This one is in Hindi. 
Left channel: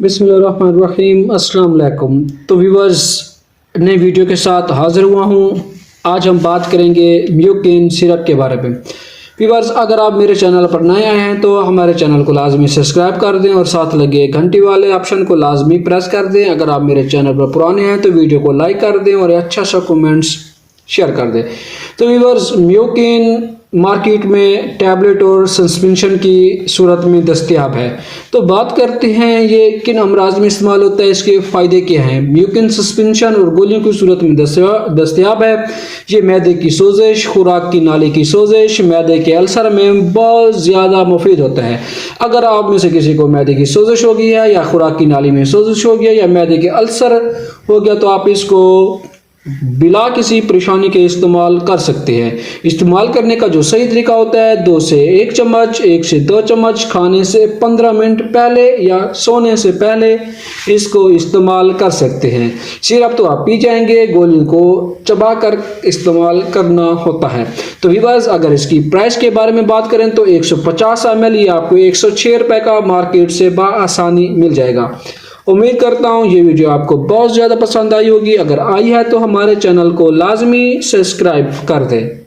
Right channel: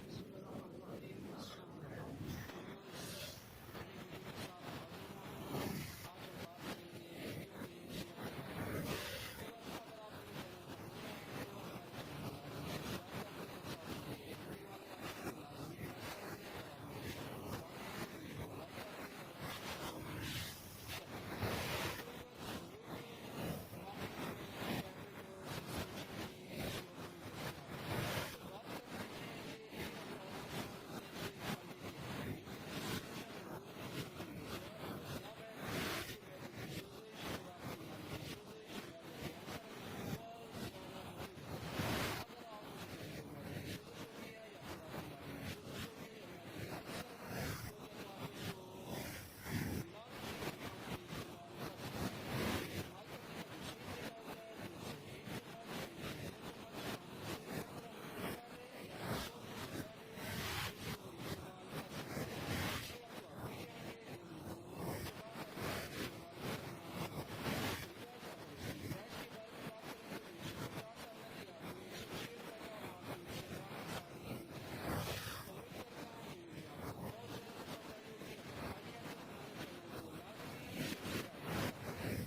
बिस्मिल्लाहिर्रहमानिर्रहीम अस्सलाम वालेकुम। तो व्यूवर्स, नई वीडियो के साथ हाज़िर हुआ हूँ। आज हम बात करेंगे म्यूकिन सिरप के बारे में। व्यूवर्स, अगर आप मेरे चैनल पर नए आए हैं तो हमारे चैनल को लाजमी सब्सक्राइब कर दें और साथ लगे घंटी वाले ऑप्शन को लाजमी प्रेस कर दें। अगर आप मेरे चैनल पर पुराने हैं तो वीडियो को लाइक कर दें और अच्छा सा कमेंट्स शेयर कर दें। तो व्यूवर्स, म्यूकिन मार्केट में टैबलेट और सस्पेंशन की सूरत में दस्तयाब है। तो बात करते हैं ये किन अमराज में इस्तेमाल होता है, इसके फ़ायदे क्या हैं। म्यूकिन सस्पेंशन और गोलियों की सूरत में दस्तयाब है। ये मैदे की सोजिश, खुराक की नाली की सोजिश, मैदे के अल्सर में बहुत ज़्यादा मुफीद होता है। अगर आप में से किसी को मैदे की सोजिश हो गई है या खुराक की नाली में सोजिश हो गया या मैदे के अल्सर हो गया तो आप इसको बिला किसी परेशानी के इस्तेमाल कर सकते हैं। इस्तेमाल करने का जो सही तरीका होता है, 2 से 1 चम्मच, 1 से 2 चम्मच खाने से 15 मिनट पहले या सोने से पहले इसको इस्तेमाल कर सकते हैं। सिरप तो आप पी जाएंगे, गोली को चबा कर इस्तेमाल करना होता है। तो व्यूअर्स, अगर इसकी प्राइस के बारे में बात करें तो 150 ml ये आपको 106 रुपये का मार्केट से बआसानी मिल जाएगा। उम्मीद करता हूँ ये वीडियो आपको बहुत ज़्यादा पसंद आई होगी। अगर आई है तो हमारे चैनल को लाजमी सब्सक्राइब कर दें।